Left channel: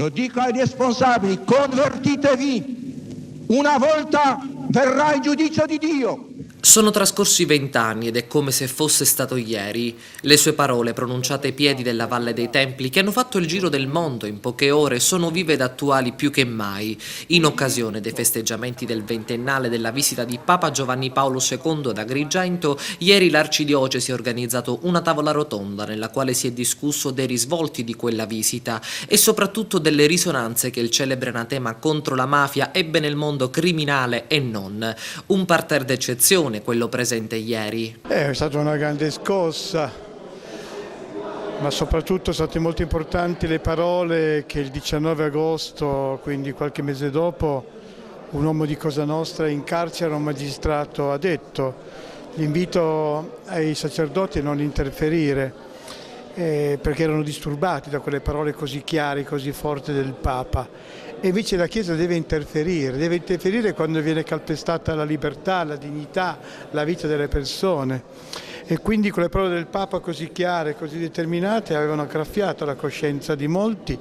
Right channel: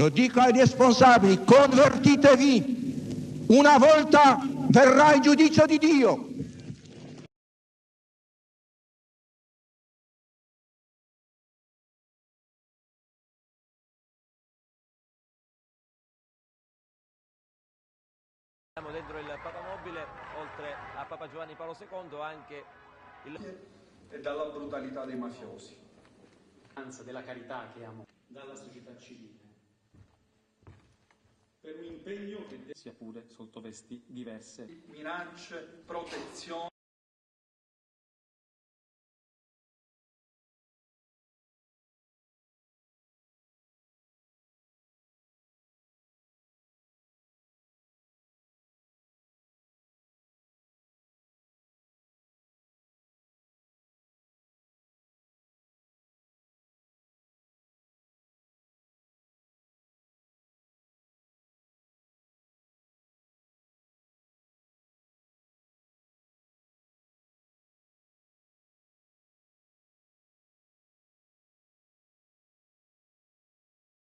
lo dico ai responsabili, convertitevi, una volta verrà il giudizio di Dio. Sono trascorsi 20 anni ed è come se fosse stato ieri. Le sue parole pronunciate ai piedi della Valle dei Templi, che hanno fatto il giro del mondo in poche ore, sono vive ed attuali più che mai. In occasione dei festeggiamenti del ventennale della visita di Papa Giovanni Paolo II ad Agrigento, ieri l'Arcidiocesi ha organizzato una tavola rotonda nella quale si è discusso dei risvolti di quella visita e soprattutto delle risonanze che il celebre anatema contro la mafia ebbe nel mondo criminale e non. Un parterre d'eccezione, quello presente ieri. È stata una grande scossa, ma soprattutto sono state molto importanti le parole che il 19 agosto, quindi qualche mese dopo, un uomo di Cosa Nostra in carcere, un magistrato, ha detto. L'invito ai sacerdoti a non interferire, perché erano disturbati da quelle parole così chiare, così forti del Papa. E invece la Chiesa deve interferire quando viene calpestata la libertà, la dignità, la vita delle persone. E quindi quelle parole del Papa così chiare, così determinate, avevano graffiato la coscienza di molti.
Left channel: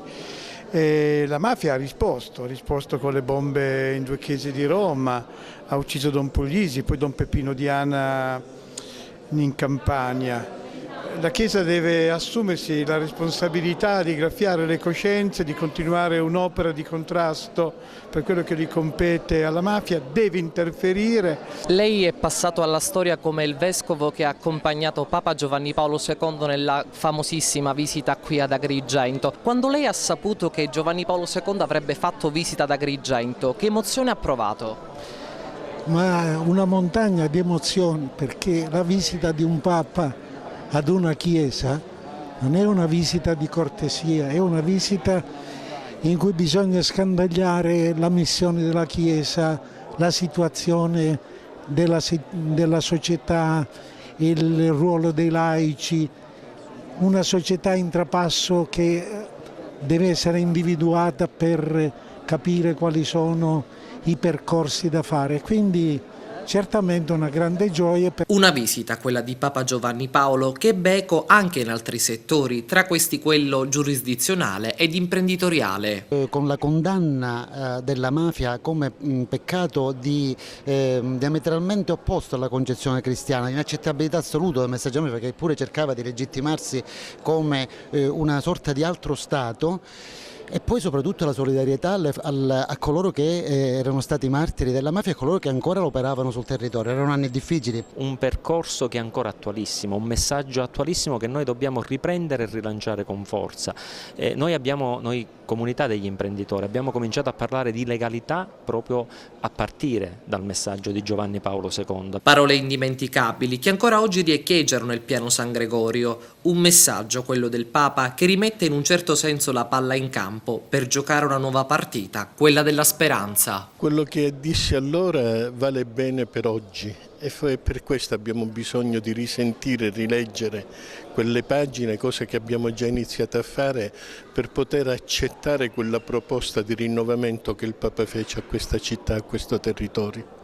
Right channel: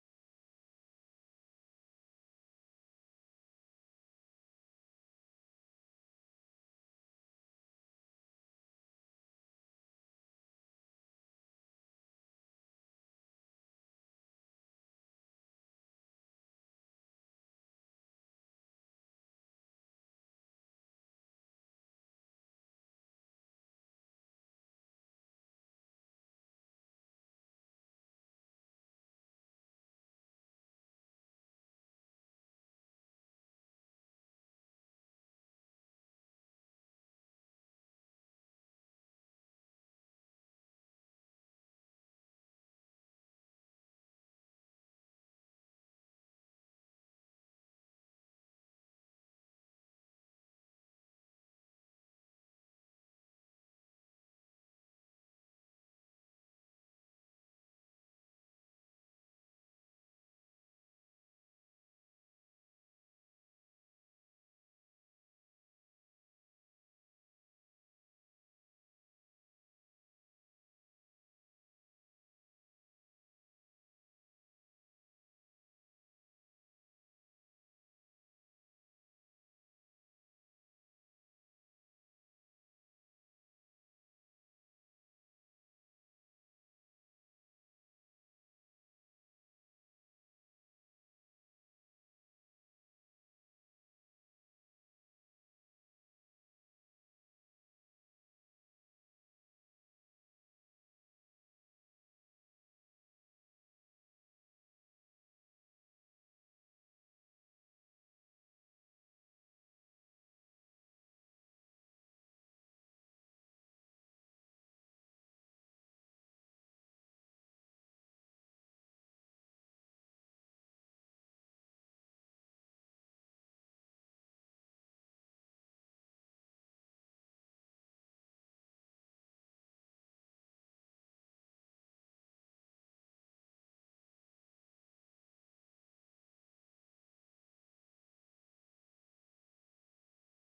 E la mafia ha risposto con le bombe in 2 chiese di Roma, ha ucciso Don Puglisi, poi Don Peppino Diana in Campania. La Chiesa deve assumersi la responsabilità di graffiare le coscienze, di continuare un'opera di contrasto per quello che gli compete alla mafia, deve interferire. Lei è passato alla storia come il vescovo che ha accompagnato Papa Giovanni Paolo II nella famosissima visita qui ad Agrigento. Quando lei ha saputo che Giovanni Paolo II avrebbe fatto visita ad Agrigento, che emozione ha provato? Ma una montagna di emozioni, perché la visita di un Papa ad una chiesa non è una visita di cortesia, è una visita in cui bisogna scandagliare la missione della Chiesa, la situazione della società, il ruolo dei laici, una società in trapasso che deve essere individuata per capire quali sono i percorsi da fare. Quindi certamente una grande gioia. Una visita, quella di Papa Giovanni Paolo, che ebbe eco anche in altri settori, tra questi quello giurisdizionale ed imprenditoriale. Con la condanna della mafia come peccato diametralmente opposto alla concezione cristiana, inaccettabilità assoluta del messaggio mafia, che pure cercava di legittimarsi come una sorta di altro Stato. E poi soprattutto la solidarietà a coloro che erano stati martiri della mafia e a coloro che ancora operavano sul territorio. Erano anni difficili. Un percorso che è ancora attualissimo, un messaggio attualissimo che noi dobbiamo riprendere e rilanciare con forza. Noi comunità degli imprenditori abbiamo cominciato a parlare di legalità proprio a partire dal messaggio di Giovanni Paolo II. Parole indimenticabili che ancora oggi riecheggiano nel piano San Gregorio. Un messaggio, quello del Papa, che rimette in un certo senso la palla in campo per giocare una nuova partita, quella della speranza. Quello che disse allora vale bene per oggi e per questo abbiamo bisogno di risentire e rileggere quelle pagine, cose che abbiamo già iniziato a fare per poter accettare quella proposta di rinnovamento che il Papa fece a questa città, a questo territorio.